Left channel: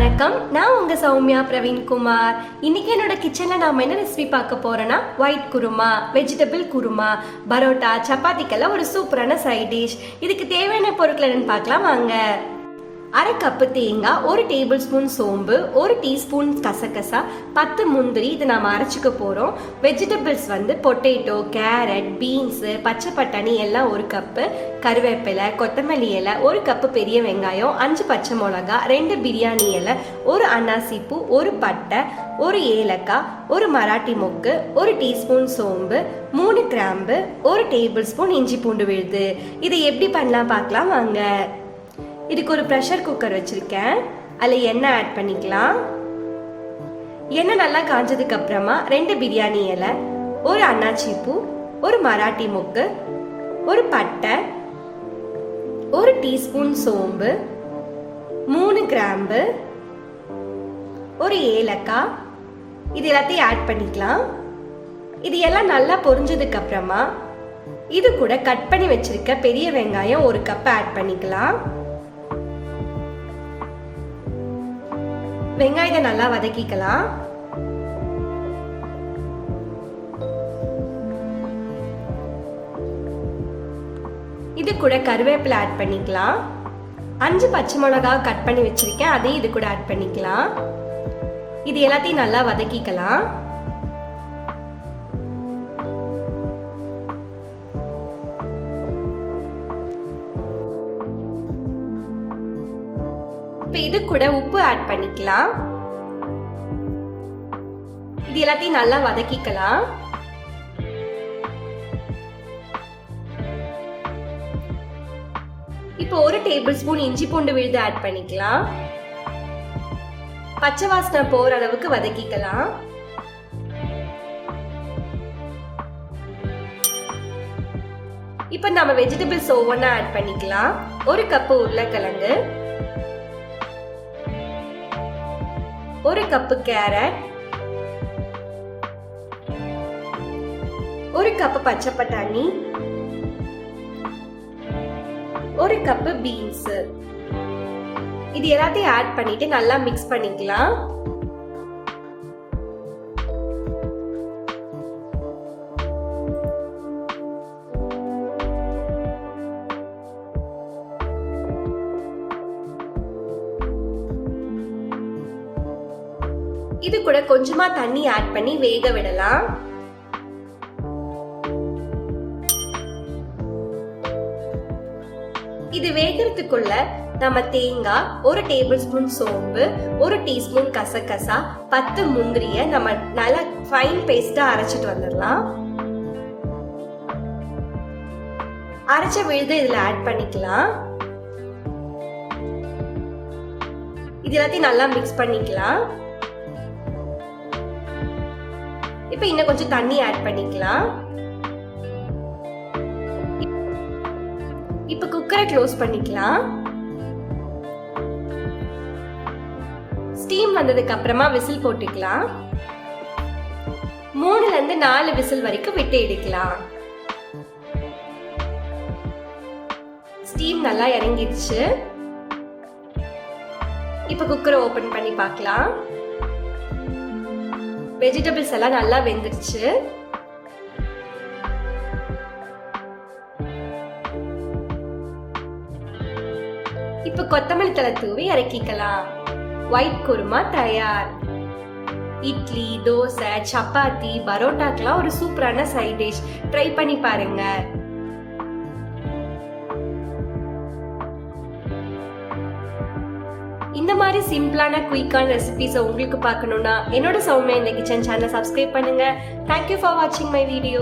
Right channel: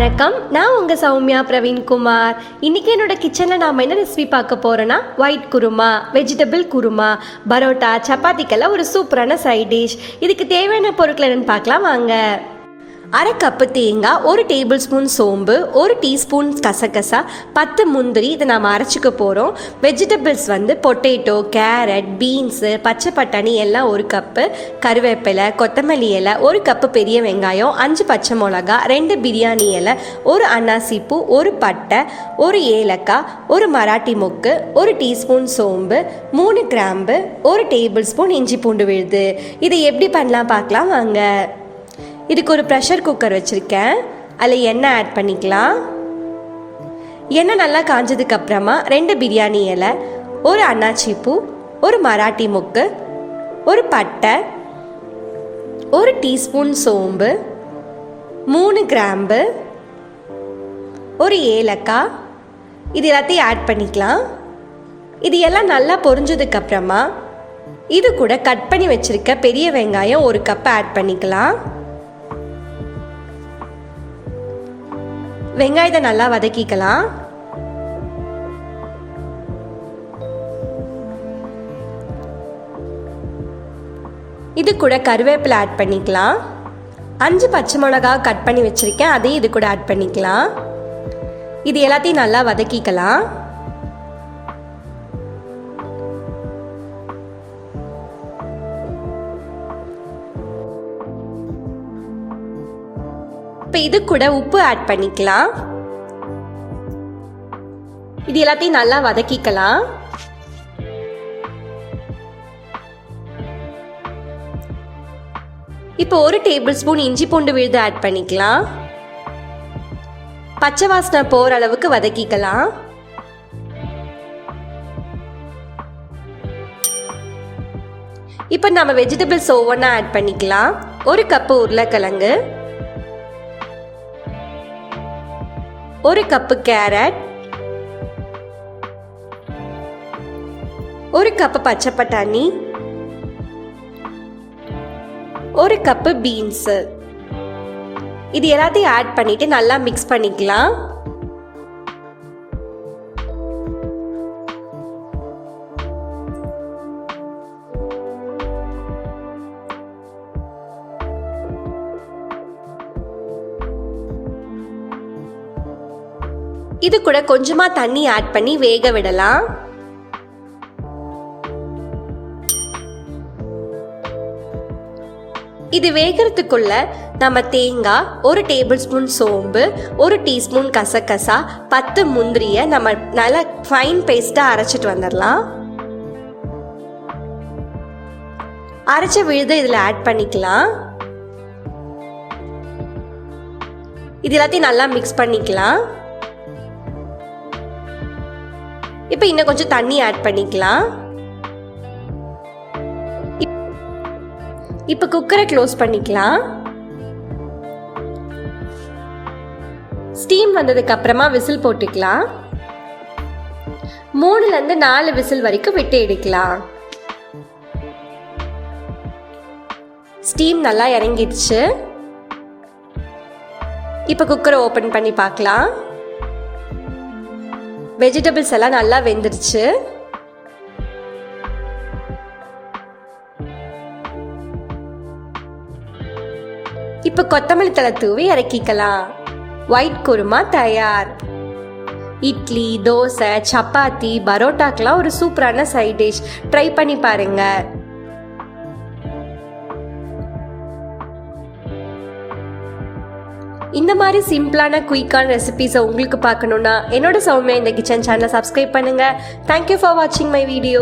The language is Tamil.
வணக்கம், நான் உங்கள் சௌமியா பிரவீன்குமார். இன்றைக்கி என்னோட கிச்சனில் நாம் என்ன ரெசிபி பார்க்க போகிறோன்னா ஒயிட் குருமா, வெஜிடபிள் குருமா, பரோட்டா, சப்பாத்திக்கெல்லாம் ஒரு சூப்பரான சைட் டிஷ். இதுக்கு தேவையான பொருட்கள் என்னென்னு பார்க்கலாம் வாங்க. அரை கப்பு தேங்காய், 1 டேபிள் ஸ்பூன் சோம்பு, 1 டீஸ்பூன் கசகசா, 10 முந்திரி, இதை நாம் அரைச்சிக்க போகிறோம். வெஜிடபிள்ஸ் பொட்டேட்டோ, கேரட், பீன்ஸு, பச்சை பட்டாணி எல்லாம் 1 கப்பு, கருவேப்பிலை, கொத்தமல்லி இலை, 1 கப்பு பெரிய வெங்காயம், 5 பச்சை மிளகா, 2 பிரியாணி இலை, 1 அன்னாசிப்பூ, 1 பட்டை, 1 ஏலக்காய், 1 மராட்டி மொக்கு, 1 டீஸ்பூன் சோம்பு, 3 கிராம்பு, 1 டேபிள் ஸ்பூன் இஞ்சி பூண்டு விழுது. இதை எப்படி பண்ணலாம் பார்க்கலாம் வாங்க. இதுக்கு ஒரு ப்ரெஷர் குக்கர் வச்சுருக்கேன். அதில் எண்ணெய் ஆட் பண்ணிக்கலாம். எண்ணெய் நல்லா காஞ்சதுக்கு அப்புறமா 2 பிரியாணி இலை, 1 அன்னாச்சிப்பூ, 1 மராட்டி மொக்கு, 1 பட்டை, 1 டீஸ்பூன் சோம்பு, 3 கிராம்பு, 1 ஏலக்காய், இது எல்லாத்தையும் ஆட் பண்ணிக்கலாம். இது எல்லாம் நல்லா பொரிஞ்சதுக்கு அப்புறமா இது கூட கட் பண்ணி வச்சுருக்க பெரிய வெங்காயம் 1 கப் ஆட் பண்ணிக்கலாம். வெங்காயத்தை நல்லா வதக்கிக்கலாம். இது கூட கருவேப்பிலை ஆட் பண்ணிக்கலாம். 5 பச்சை மிளகா கட் பண்ணி வச்சிருக்கேன், அதையும் இது கூட ஆட் பண்ணிக்கலாம். இது எல்லாத்தையும் நல்லா வதக்கிக்கலாம். இப்போ இது கூட உப்பு ஆட் பண்ணிக்கலாம். இது எல்லாத்தையும் நல்லா வதக்கிக்கலாம். இப்போ 1 டேபிள் ஸ்பூன் இஞ்சி பூண்டு விழுது ஆட் பண்ணிக்கலாம். பச்சை வாசனை போற அளவுக்கு வதக்கிக்கலாம். இப்போ நம்ம வெஜிடபிள்ஸ் ஒவ்வொன்றா ஆட் பண்ணிக்கலாம். 1 கப்பு உருளைக்கிழங்கு, 1 கப்பு கேரட், 1 கப்பு பச்சை பட்டாணி, 1 கப்பு பீன்ஸ். இது எல்லாத்தையும் ஆட் பண்ணிட்டு நல்லா மிக்ஸ் பண்ணிக்கலாம். இது கூட கொஞ்சமா தண்ணி ஆட் பண்ணி வேக விடலாம். இது வேகிறதுக்குள்ள நம்ம தேங்காய், 1 டேபிள் ஸ்பூன் சோம்பு, 1 டீஸ்பூன் கசகசா, 10 முந்திரிய நம்ம நல்லா ஃபைன் பேஸ்டா அரைச்சிட்டு வந்துடலாம். அரைச்ச விழுது இதுல ஆட் பண்ணிக்கலாம். இது எல்லாத்தையும் நல்லா மிக்ஸ் பண்ணிக்கலாம். இப்போ இன்னும் கொஞ்சம் தண்ணி ஆட் பண்ணிக்கலாம். இப்போ குக்கரை க்ளோஸ் பண்ணிக்கலாம். ஸ்டீம் வந்ததுக்கு அப்புறமா விசில் போட்டுக்கலாம். 3ல இருந்து 4 விசில் வரைக்கும் விட்டு எடுக்கலாம். ஸ்டீம் நல்லா இறங்கிடுச்சு. இப்போ குக்கரை ஓபன் பண்ணி பார்க்கலாம். வெஜிடபிள்ஸ் எல்லாம் நல்லா வெந்துருச்சு. இப்ப கொத்தமல்லி தழை தூவி இறக்கிக்கலாம். ஒயிட் குருமா தயார். இட்லி, தோசை, சப்பாத்தி, பரோட்டாக்கெல்லாம் ஒரு சூப்பரான சைட் டிஷ். ட்ரை பண்ணி பாருங்க. இந்த மாதிரி சிம்பிளான குயிக்கான ரெசிபிஸை உங்களுக்கு பார்க்கணுன்னா என்னோட சௌமியா இந்த கிச்சன் சேனலை சப்ஸ்கிரைப் பண்ணுங்க. தேங்க்யூ ஃபார் வாட்சிங் மை வீடியோ.